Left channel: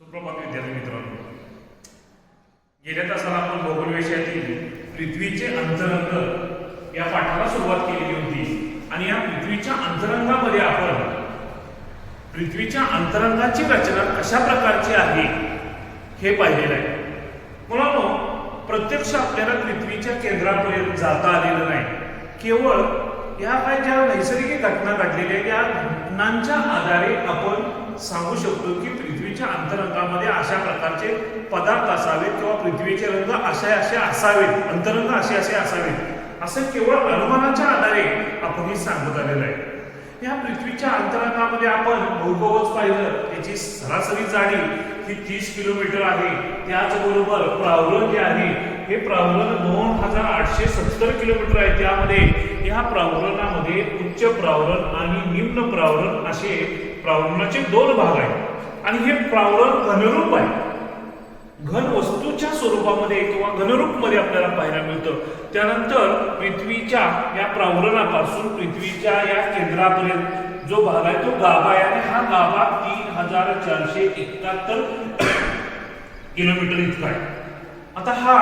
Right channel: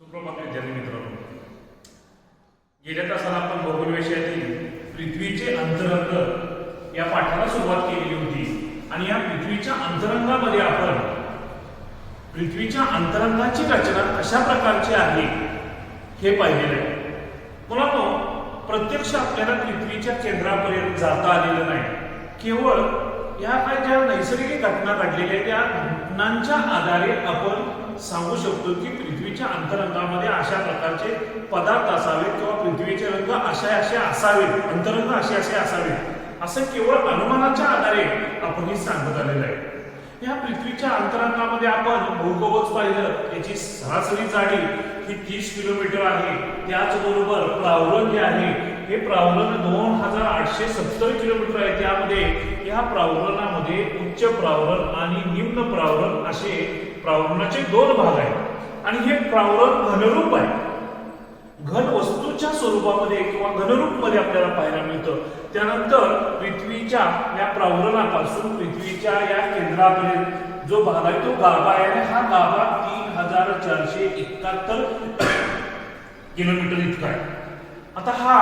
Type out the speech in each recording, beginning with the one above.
सुप्रभात विद्यार्थी मित्रांनो, गेल्या तासाला आपण भूगोल विषयातील पृथ्वीचे अंतरंग या पाठाला सुरुवात केलेली होती आणि या पृथ्वीच्या अंतरंगामध्ये आपण पृथ्वीच्या अंतरंगाची रचना कशा प्रकारची आहे हे पाहिलेलं आहे. मुलांनो, प्रत्यक्ष आपल्याला पृथ्वीच्या केंद्रापर्यंत जाता आलेलं नाही. केवळ या काही ज्या नैसर्गिक घटना घडलेल्या त्या घटनांच्या आधारे आपण सांगू शकतो की पृथ्वीच्या अंतरंगामध्ये अशा प्रकारचे पदार्थ असावेत किंवा पृथ्वीचे रंग असे असे असावेत, अंतरंग असे असे असावेत, असं केवळ अनुमानाच्या आधारे आपण हे सांगत आलेलं आहे. या पृथ्वीच्या अंतरंगामध्ये आपण भूकवच पाहिलं, त्याची सरासरी जाडी ही 30 किलोमीटर आहे. त्याचबरोबर प्रावरण जे आहे हे प्रावरण 2870 किलोमीटर आहे. त्यामध्ये या प्रावरणामध्ये उच्च प्रावरण आणि निम्न प्रावरण असे प्रावरणाचे 2 भाग आहेत आणि हे प्रावरण घनरूप आहे. घन वस्तूच्या स्वरूपामध्ये किंवा घनरूप मध्ये आपल्याला पाहायला मिळतं. त्यानंतर पृथ्वीच्या या प्रावरणापासून पृथ्वीच्या या केंद्रापर्यंत जो भाग आहे तो गाभा आहे आणि हा गाभा 3471 किलोमीटर इतका आहे. आता हा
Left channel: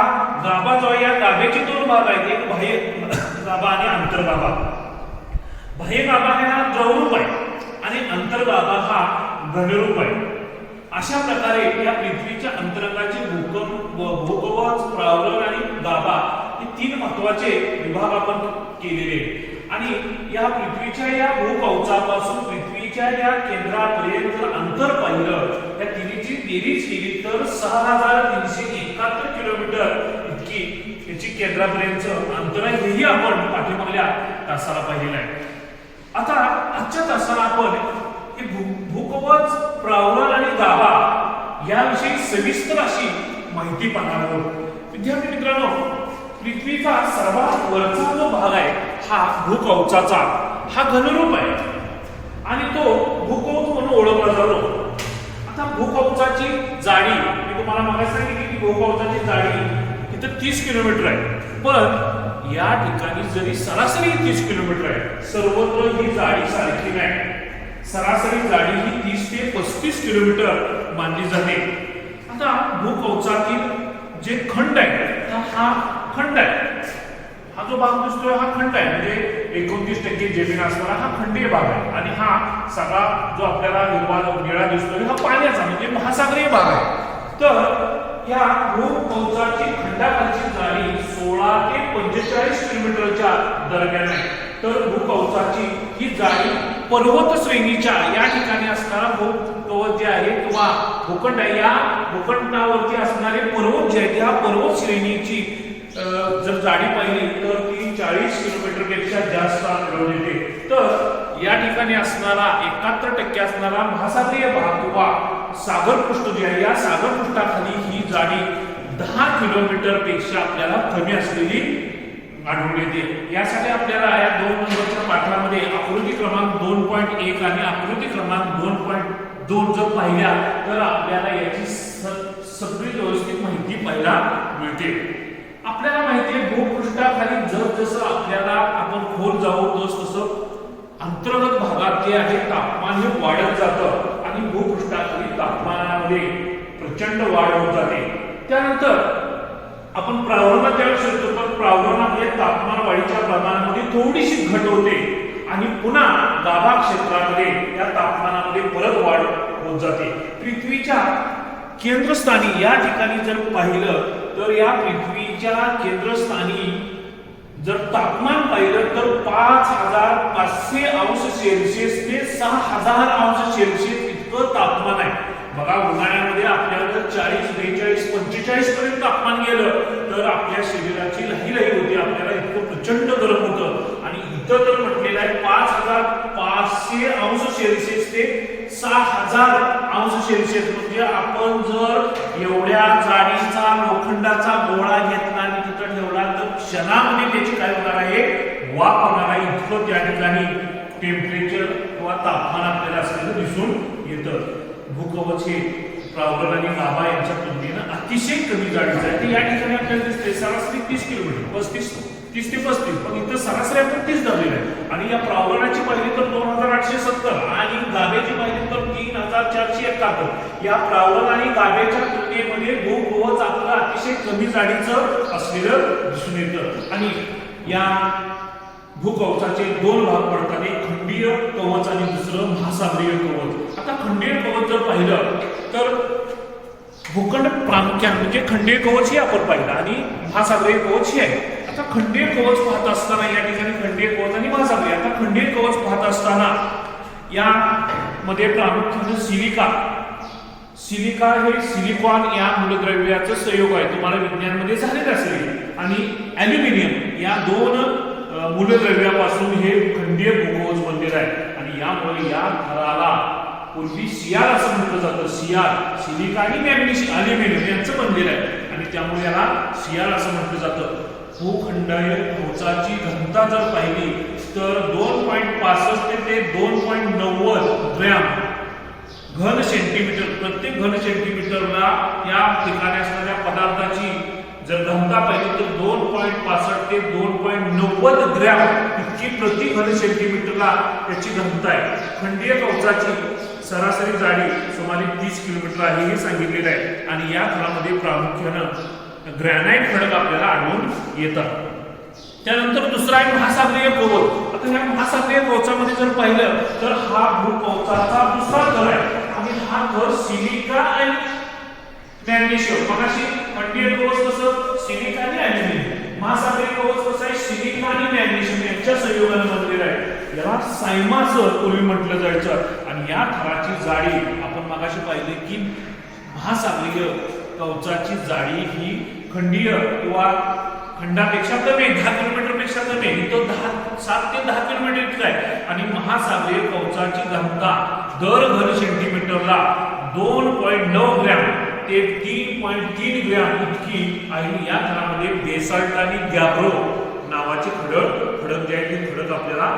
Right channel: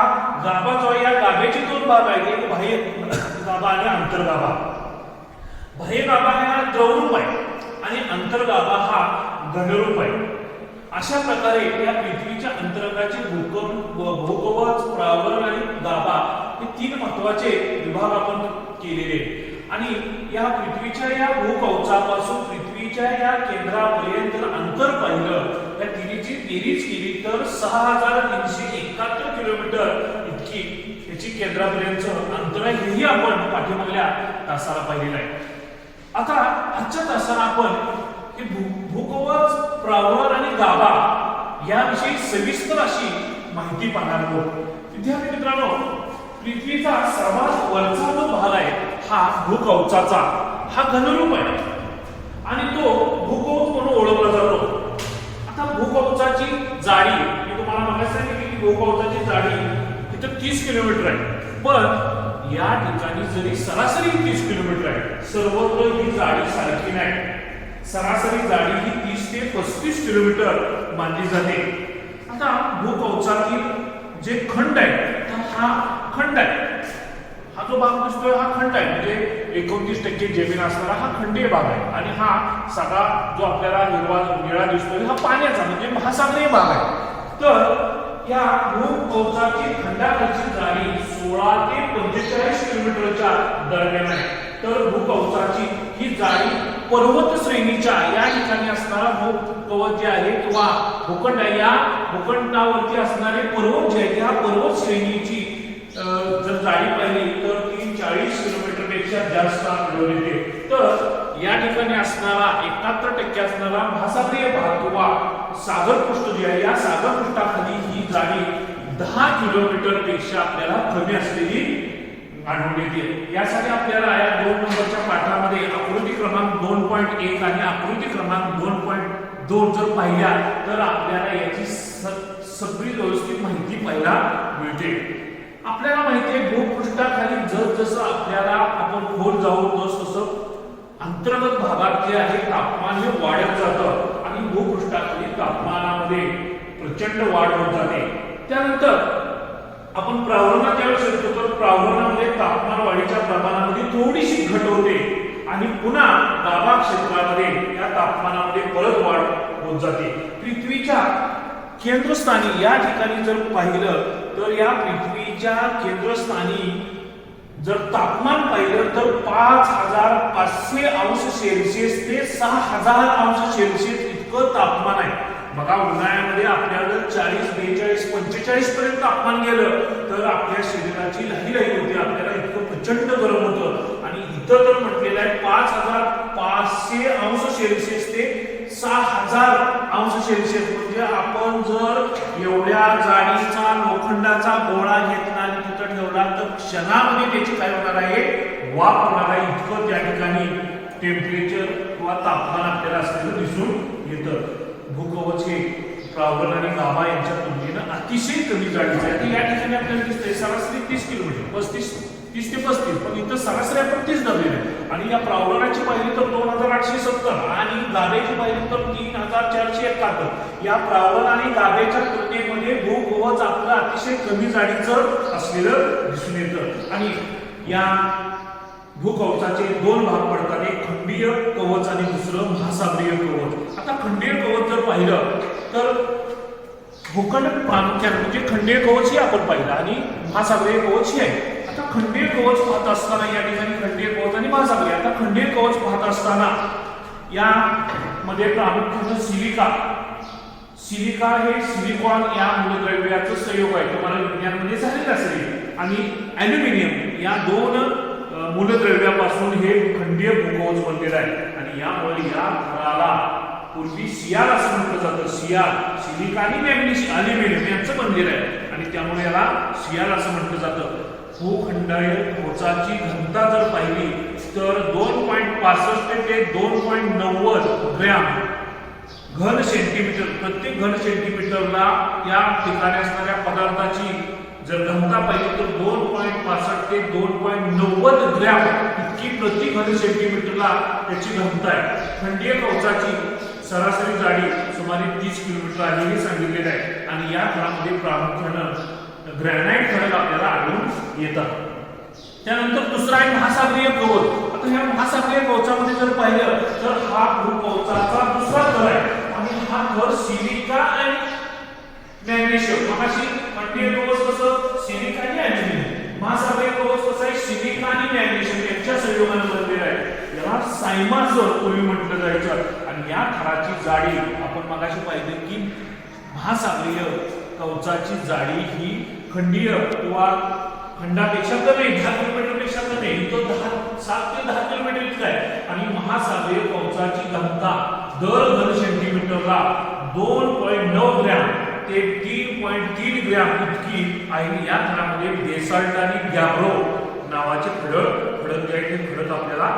गाभा जो आहे, या गाभ्याचे 2 भाग आहेत, एक बाह्य गाभा आणि अंतर्गाभा. बाह्य गाभा हा द्रवरूप आहे आणि अंतर्गाभा हा घनरूप आहे. अशा प्रकारे या पृथ्वीच्या अंतरंगाचे भूकवच, प्रावरण आणि गाभा हे 3 महत्वाचे विभाग आपण केलेले आहेत. आणि या पृथ्वीच्या या भूकवचापासून पृथ्वीच्या या केंद्रापर्यंत अंतर पाहिलं, या तिन्हीची बेरीज केली तर 6371 किलोमीटर इतकी याची केंद्रापर्यंत अंतर आहे. हेही आपण पाठीमागल्या तासाला पाहिलेलं आहे. आता आजच्या तासाला आपण भूकवच, प्रावरण आणि गाभा याविषयी सविस्तर अशी माहिती पाहणार आहोत. विद्यार्थी मित्रांनो, पृथ्वीचा सर्वात वरचा जो भाग आहे हा भूकवचाचा, हा घनरूप आहे आणि तो भूकवच म्हणून ओळखला जातो. आता भूकवचाची जाडी मी तुम्हाला मागायला सांगितली की भूकवचाची जाडी इथं 30 किलोमीटर आहे. पण या ठिकाणी जरी सरासरी 30 किलोमीटर आहे, सर्वत्र ही जाडी सारखी नाही. सरासरी जाडी ही 30 ते 35 किलोमीटर मानली जाते. आता भूकवचातील जे खंड आहे, हा खंड आहे, हा जो भाग दिसतोय हा खंड आहे, म्हणजे 29% जमीन असणारा हा खंडीय भाग आहे. आणि हा सगळा जो आपल्याला निळा दिसतोय हा पाण्याचा म्हणजे महासागरीय भाग आहे. तर या भूकवचाची खंडाखालची जाडी 16 ते 45 किलोमीटरच्या दरम्यान आहे. तर भूकवचाची ही जाडी पर्वत श्रेणीच्या या ठिकाणी असणारा भूकवच जे आहे किंवा भूखंड आहे, या भूखंडावरती असणारे पर्वत जे आहेत, या पर्वत श्रेणीची जर जाडी पाहिली तर ती 40 किलोमीटर पेक्षा जास्त आढळून येते. तर या ठिकाणी असणारा 71% असणारा महासागरीय भाग किंवा सागरपृष्ठ जे आहे, या सागरपृष्ठाखाली ही जाडी 10 किलोमीटर पेक्षा आपल्याला कमी असलेली आढळून येते. यासाठी आपल्याला या 2 नंबरच्या पाठामध्ये आकृती क्रमांक 2.1 आणि आकृती क्रमांक 2.2 जर पाहिल्या तर आपल्याला याची सगळी व्यवस्थित माहिती पाहायला मिळते. आपल्याला माहिती आहे भूपृष्ठाखाली जसं आपल्याला आपण खोल जाऊ तसं अंतर्गत भागात जे आहे तापमान हे वाढत जातं आणि भूपृष्ठाखाली तापमानामध्ये प्रचंड वाढ होत जाते. त्यानंतर आपण प्रावरणात त्यावेळेस येतो, पण प्रावरणामध्ये तापमान वाढीच्या प्रमाणामध्ये थोडीशी घट होते आणि पुन्हा गाभा क्षेत्रामध्ये या तापमानामध्ये परत वाढ होत जाते. पृथ्वीच्या केंद्रस्थानी या ठिकाणी जर पाहिलं तर या पृथ्वीच्या केंद्रस्थानी जर तापमान पाहिलं तर 5500 अंश सेल्सिअस ते 6000 अंश सेल्सिअस इतकं तापमान आहे. बघा, उन्हाळ्यामध्ये आपल्याला 40, 42, 45 पर्यंत तापमान गेलं तर आपल्या शरीराची लाही होते, आपल्याला इतकं प्रचंड गरम होतं. आणि इथं तर म्हटलेलं आहे 5500 अंश सेल्सिअस ते 6000 अंश सेल्सिअस. म्हणजे आपण जर एवढ्या जाडीचा लोखंडाचा गोळा घेतला आणि तिथं ठेवला तर क्षणामध्ये त्याची काय होणार आहे, वाफ होणार आहे. इतकं त्या ठिकाणी टेम्परेचर किंवा तापमान आपल्याला असलेलं दिसून येतं. भूकवच हे प्रावरण आणि गाभा यांच्या तुलनेनं अतिशय कमी जाडीचं आहे. या ठिकाणी आपल्याला दिसतंय सरासरी 30 किलोमीटर, 35 30 ते 35, पण इथं सरासरी आपण 30 धरलेलं आहे. आणि या प्रावरणाची पाहिली तर 2870 आणि गाभेची पाहिली तर 3471. या प्रावरण आणि गाभेच्या तुलनेमध्ये भूकवच आपलं अतिशय कमी जाडीचं असलेलं दिसून येतं. आणि या भूकवचाचे दोन भाग पडतात, एक खंडीय कवच आणि दुसरं महासागरीय कवच. आता खंडीय कवच जर पाहिलं तर भूखंड प्रामुख्याने म्हणजे खंडीय कवच ही आपण पाहिलं आणि महासागरीय कवच ही आहे. आता खंडीय कवच पाहत असताना या ठिकाणी खंडीय कवच आणि महासागरीय. आता खंडीय कवच पाहत असताना या मध्ये प्रामुख्याने सिलिका हे सिलिकॉन या मूलद्रव्याचं संयोग आहे, तुम्हाला विज्ञानमध्ये झालेलं असेल. आणि ॲल्युमिनियम या दोन मूलद्रव्यापासून हे खंडीय भूकवच बनलेलं आहे. आणि यामुळे या थराला पूर्वी सियार असं म्हटलं जातं. सिलिका आणि मॅग्नेशियम ॲल्युमिनियम यांचं बनलेलं आहे आणि त्यामुळे याला सियार असं म्हटलं जातं. भूखंडीय कवचाची घनता जर पाहिली तर 2.65 ते 2.90 ग्रॅम घन सेंटीमीटर, प्रत्येक घन सेंटीमीटरला या ठिकाणी असणाऱ्या पदार्थाची जर घनता पाहिली तर 2.65 ते 2.90 ग्रॅम इतकी प्रति घन सेंटीमीटरला त्याची घनता आहे. खंडीय कवचाची सरासरी जाडी सुमारे 30 किलोमीटर आहे हे सांगितलेलं आहे. आणि या खडामध्ये प्रामुख्यानं ग्रॅनाइट खडक आपल्याला आढळून येतात. त्यानंतर दुसरा आहे महासागरीय कवच. आता ह्या महासागरीय कवचामध्ये जर पाहिलं तर हा भूकवचाचा दुसरा थर आहे आणि हा थर सिलिका आणि मॅग्नेशियम. मगाशी खंडीय कवच कसं सिलिका आणि ॲल्युमिनियम, महासागरीय कवच कसं आहे सिलिका आणि मॅग्नेशियम यांच्या संयोगाने बनलेलं आहे. याला सायमाचं पूर्वी म्हटलं जायचं. आणि या थराची जाडी आपण मगाशी पाहिजे की महासागरीय कवचाची जाडी ही खंडीय किंवा खंडापेक्षा कमी 10 किलोमीटर पेक्षा कमी आहे. तो 7 ते 10 किलोमीटर इतका आहे. आणि महासागरीय कवचाची घनता दर घन सेंटीमीटरला 2.9 ग्रॅम ते 3.3 ग्रॅम इतकी आहे. या थरामध्ये बेसाल्ट आणि गॅब्रो नावाचे खडक जे आहेत ते खडक आपल्याला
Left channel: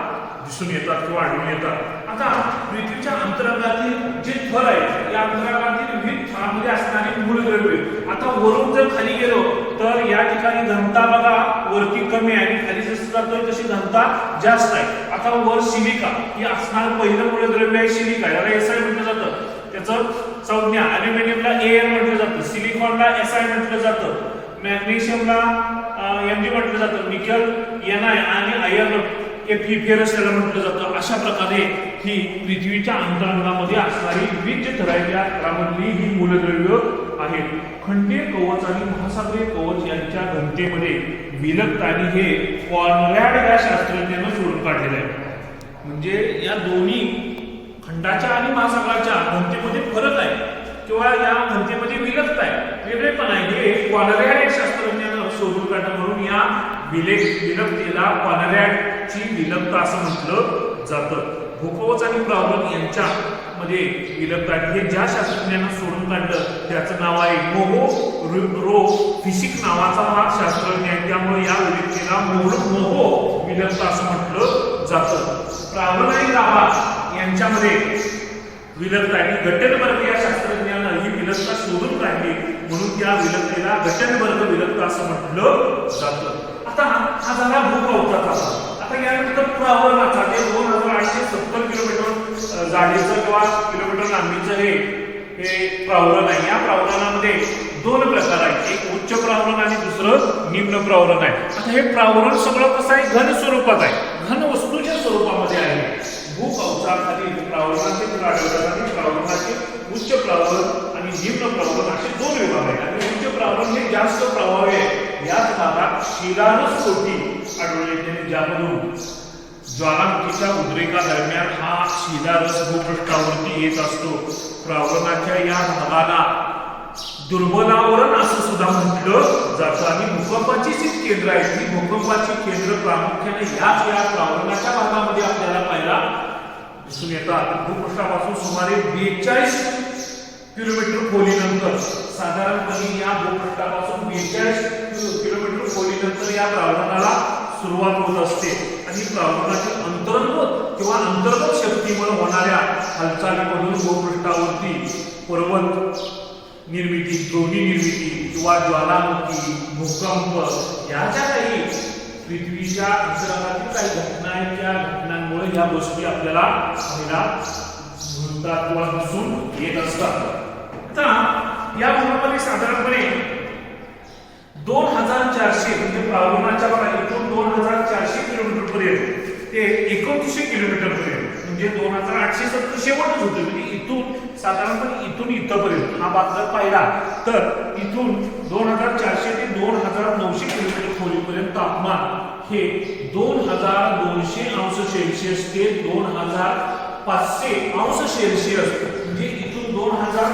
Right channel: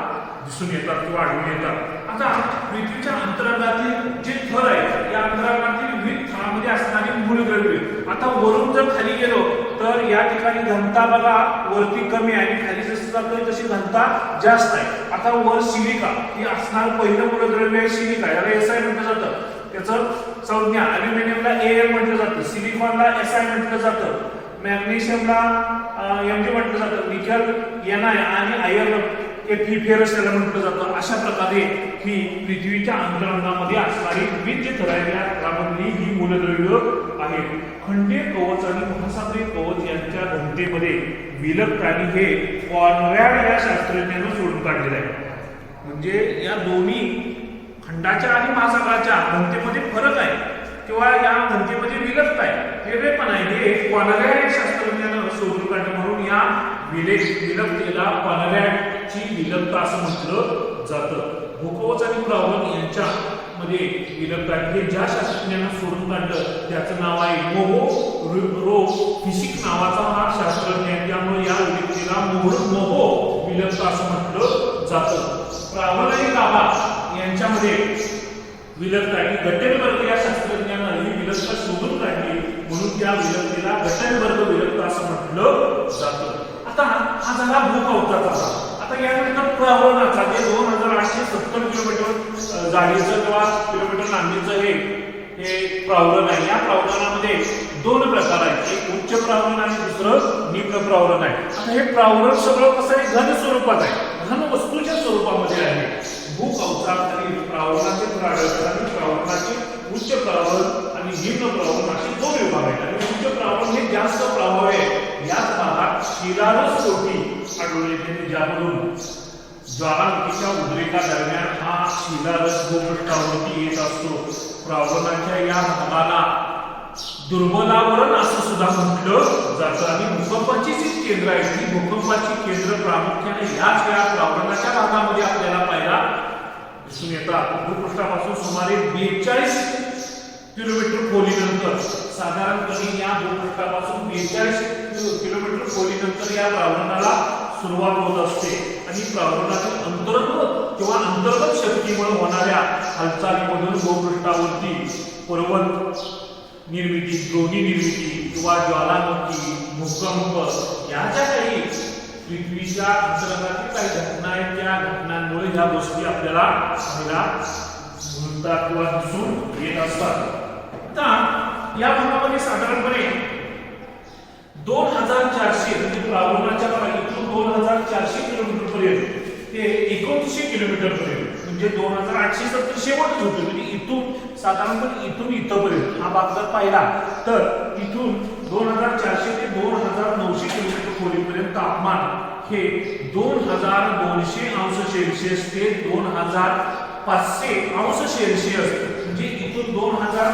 दिसून येतात किंवा आढळून येतात. आता पृथ्वीच्या अंतराळातील जे थर आहे या अंतराळातील विविध थरांमध्ये असणारी मूलद्रव्ये. आता वरून जर खाली गेलो तर या ठिकाणी घनता बघा वरती कमी आहे आणि खाली जसं जातोय तशी घनता जास्त आहे. आता वर सिलिका ही असणार पहिलं मूलद्रव्य आहे सिलिका, याला SI म्हटलं जातं. त्याचं संज्ञा ॲल्युमिनियमला Al म्हटलं जातं, सिलिकॉनला Si म्हटलं जातं, मॅग्नेशियमला Mg म्हटलं जातं, निकेल Ni आणि आयर्न फेरस याला म्हटलं जातं. अशा प्रकारे ही पृथ्वीच्या अंतरांगामध्ये असणारी विविध थर आहेत. या थरामधली ही मूलद्रव्य आहेत. खंडीय कवच आणि महासागरीय कवच यांच्या घनतेमध्ये विलग आणि हे कॉनरॅड या शास्त्रज्ञानं शोधून काढलेलं आहे. म्हणजे या दोन्ही खंडाच्या आणि महासागराच्या घनतेमध्ये फरक आहे किंवा या घनतेमध्ये विलगता आहे, वेगळेपण आहे. हे कॉनरॅड या शास्त्रज्ञानं शोधून काढलं म्हणून या विलगतेला कॉनरॅडची विलगता असं म्हटलं जातं. भूकवच आणि प्रावरण यांच्यामध्ये विलगता हे ज्या शास्त्रज्ञानं शोधून काढलं त्याचं नाव आहे मोहो फिशिक नावाचा हा शास्त्रज्ञ आहे. त्यामुळे या विलगतेला मोहो विलगता असं म्हटलं जातं. प्रावरण आणि गाभा यांच्यामध्ये विलगता आणि गटेनबर्ग या शास्त्रज्ञानं ही विलगता शोधून काढली म्हणून त्या विलगतेला गटेनबर्ग विलगता असं म्हटलं जातं. आता हा झाला भूकवचाचा भाग. आता यानंतर प्रावरणाचा जे 2870 किलोमीटर जाडीचं किंवा किलोमीटर लांबीचं हे प्रावरण आहे. या प्रावरणामध्ये दोन प्रकार आहेत, एक उच्च प्रावरण आणि दुसरं निम्न प्रावरण आहे. आता हे प्रावरण सगळं कसं आहे घन स्वरूपात आहे, घन वस्तूच्या स्वरूपामध्ये आहे. भूकवचाखालील प्रावरणाचे थर आढळतात आणि प्रावरणाचे उच्च प्रावरण आणि निम्न प्रावरण असे दोन विभाग आहेत. आणि उच्च प्रावरण हे जास्त प्रभाव आहे. याच भागात शिलारसकोटी आढळून येते ज्यामधून ज्वालामुखीच्या उद्रेकादरम्यान हा शिलारस भूपृष्ठावरती येत असतो. प्रावरणाच्या या भागाला दुर्बलावरण असं सुद्धा म्हटलं जातं. आणि भूकंपाची जी केंद्र आहेत ही भूकंपाची केंद्र प्रामुख्याने याच वेळा प्रावरणाच्या भागामध्ये आपल्याला पाहायला दिसून येतात. भूपृष्ठापासून सुमारे 42 किलोमीटर खोलीनंतर साधारणपणे या भूपृष्ठापासून 42 किलोमीटर खोलीनंतर या प्रावरणाला सुरुवात होत असते. आणि प्रावरणातील अंतर्गत किंवा अंतर्गत शक्तीमुळे होणाऱ्या हालचालीमधून भूपृष्ठावरती पर्वत निर्मिती, द्रोणी निर्मिती किंवा ज्वालामुखी, भूकंप या ज्या काही पृथ्वीच्या अंतराळातील काही घटना आहेत, त्या घटनांमुळे ह्या गोष्टी आपल्याला पाहायला मिळतात किंवा दिसून येत असतात. आता या भागामध्ये साधारणपणे 2400 म्हणजे प्रावरणाच्या इथून 2400 किलोमीटर पर्यंत ते 2900 किलोमीटर पर्यंत म्हणजे 2870 शेवट होते. म्हणजे इथून साधारणपणे इथून इथपर्यंत हा भाग जर पाहिला तर इथून 2400 ते 2900 किलोमीटर खोलीपर्यंत तापमान हे 2200 अंश सेल्सिअस ते 2500 अंश सेल्सिअस म्हणजे इथून 2400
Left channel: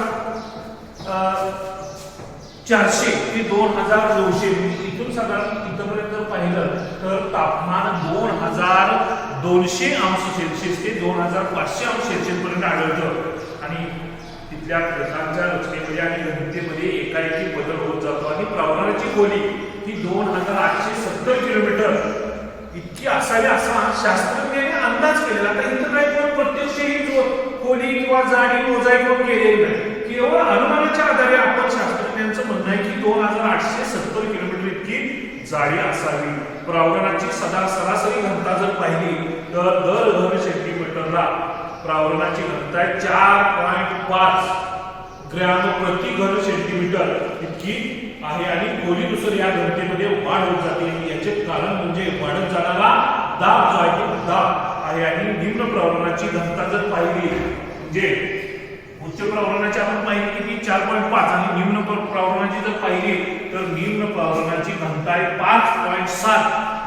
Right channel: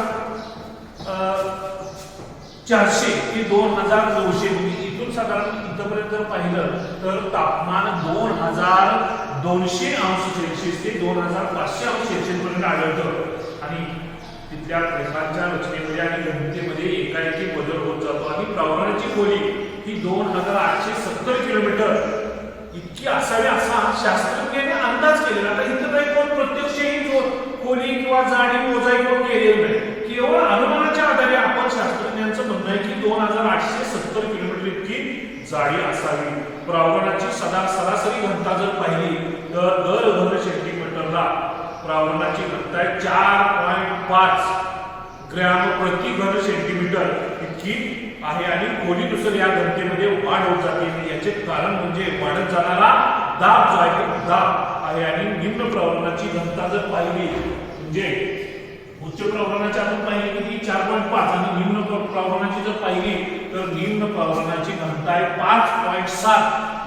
ते 2900 म्हणजे इथून साधारण इथपर्यंत जर पाहिलं तर तापमान 2200 अंश सेल्सिअस ते 2500 अंश सेल्सिअस पर्यंत आढळतं. आणि तिथल्या रेखांच्या रचनेमध्ये आणि घनतेमध्ये एकाएकी बदल होत जातो. आणि प्रावरणाची खोली ही 2870 किलोमीटर इतकी असावी असा शास्त्रज्ञांनी अंदाज केलेला. आता इथं काही पण प्रत्यक्ष ही खोली किंवा जाडी मोजाई कोण केलेली नाही. केवळ अनुमानाच्या आधारे आपण शास्त्रज्ञांचं म्हणणं आहे की 2870 किलोमीटर इतकी जाडी असावी. प्रावरणाची सरासरी घनता जर पाहिली तर दर घन सेंटीमीटरला प्रावरणाची घनता आहे 4.5 ग्रॅम प्रति घन सेंटीमीटर इतकी आहे. आणि खोलीनुसार या घनतेमध्ये वाढ होत जाते. याचे कारण म्हणजे वाढत जाणारा दाब जो आहे तो दाब आहे. आणि निम्न प्रावरणाची घनता जर पाहिली म्हणजे उच्च प्रावरणाची आपण पाहिली की 4.5 आणि निम्न प्रावरणाची जर पाहिली तर निम्न प्रावरणाची घनता आहे 5.7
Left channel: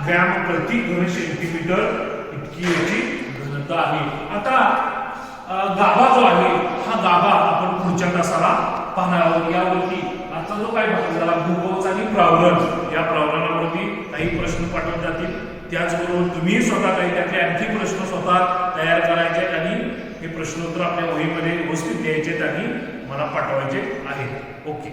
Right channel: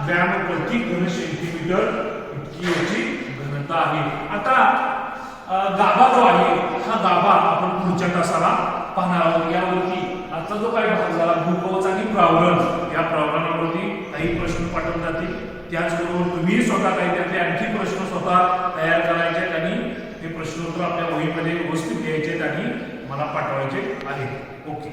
ग्रॅम प्रति घन सेंटीमीटर इतकी याची घनता आहे. आता गाभा जो आहे हा गाभा आपण पुढच्या तासाला पाहणार आहोत. यावरती आता जो काय भाग झाला भूकवच आणि प्रावरण या प्रावरणावरती काही प्रश्न पाठवले जातील. त्याचबरोबर तुम्ही स्वतः काही त्यातले आणखी प्रश्न स्वतः तयार करायचे आहेत आणि हे प्रश्नोत्तर आपल्या वहीमध्ये व्यवस्थित द्यायचे आणि मला पाठवायचे आहेत. ओके.